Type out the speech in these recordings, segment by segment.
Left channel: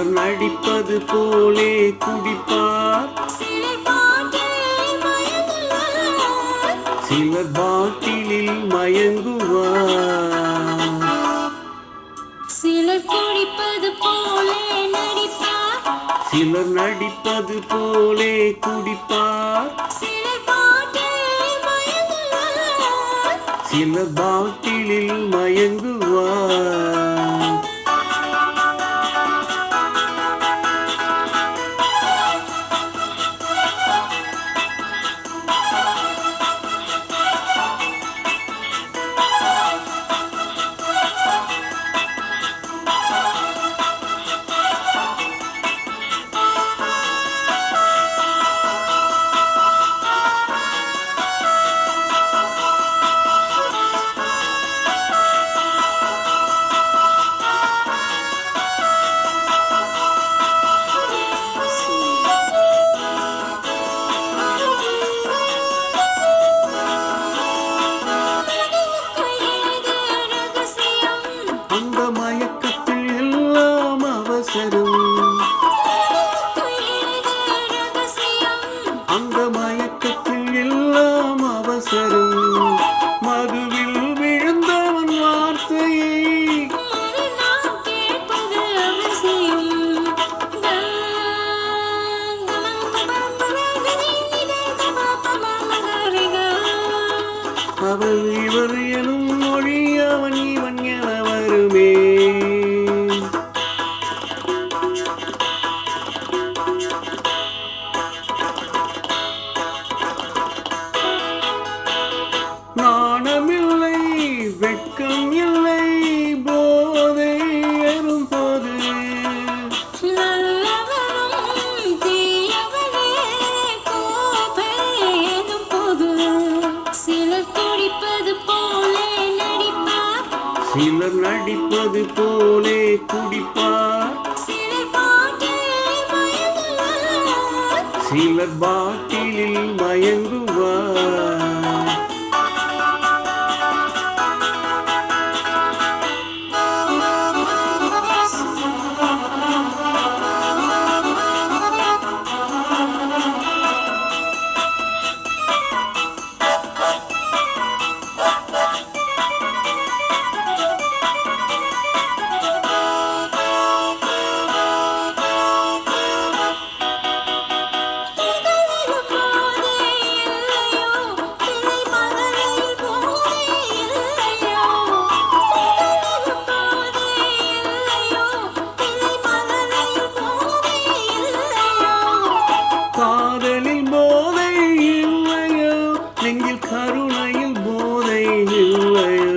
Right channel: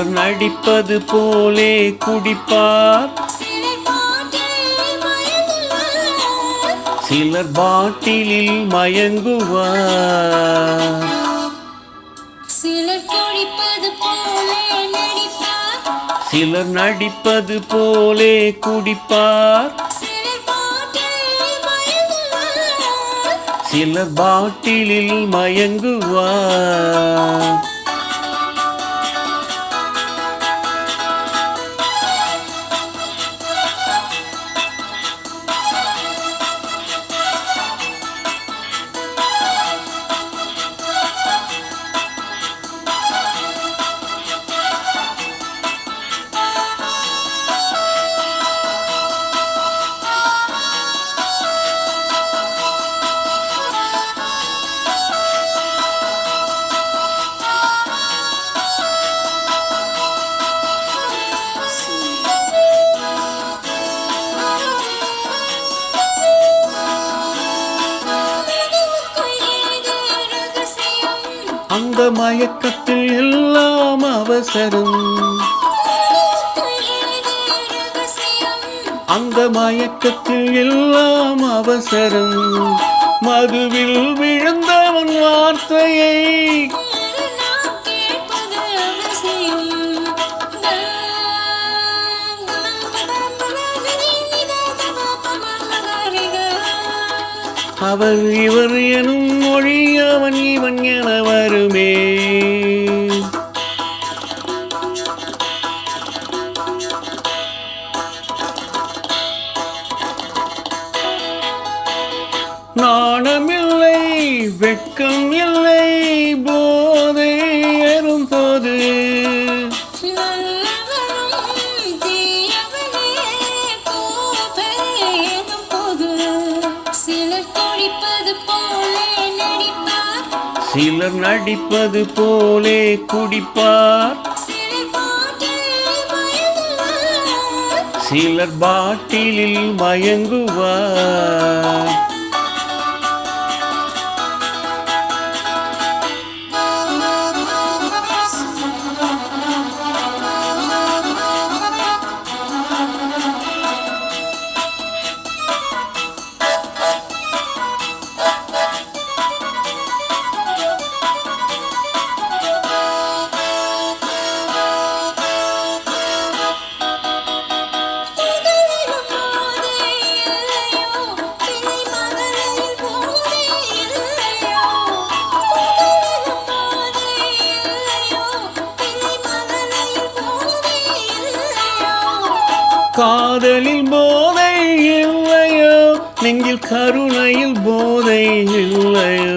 சிலர் நடிப்பது போலே குடிப்பார், சிலர் பாட்டிலில் மயங்குவார். சிலர் குடிப்பது போலே நடிப்பார், சிலர் நடிப்பது போலே குடிப்பார், சிலர் பாட்டிலில் மயங்குவார். அந்த மயக்கத்தில் எல்லாம் அவசரம், அந்த மயக்கத்தில் எல்லாம் அவசரம். மதுவில் விழுந்தவன் வார்த்தையை அவர் இவர் எனும் மொழி அவன் இவன் என வருமே. நாணமில்லை வெட்கம் இல்லை போதை ஏறும் போது, சிலர் நடிப்பது போலே குடிப்பார், சிலர் பாட்டிலில் மயங்குவார். காதலில் போதை இல்லையோ, நெஞ்சில் கருணையில் போதை இல்லையோ.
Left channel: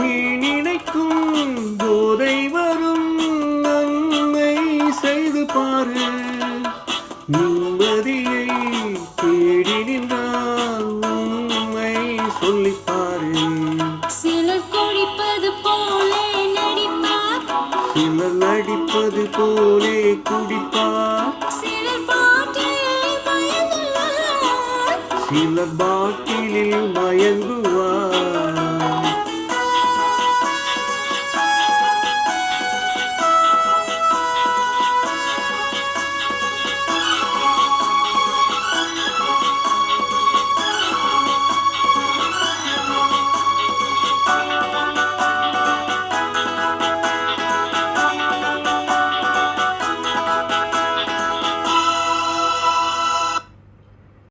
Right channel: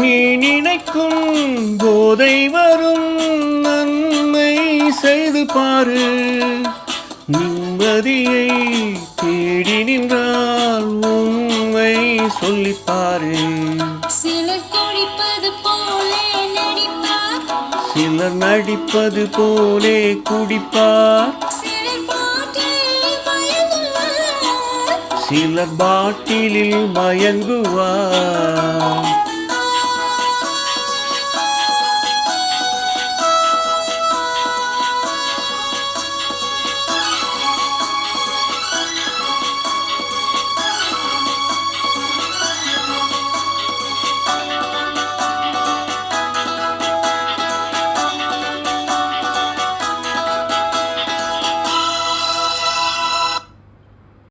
நீ நினைக்கும் போதை வரும், நன்மை செய்து பாரு. நிம்மதியை தேடி நின்றால் உண்மை சொல்லிப்பாரு. சிலர் குடிப்பது போலே நடிப்பார், சிலர் நடிப்பது போலே குடிப்பார், சிலர் பாட்டிலில் மயங்குவார்.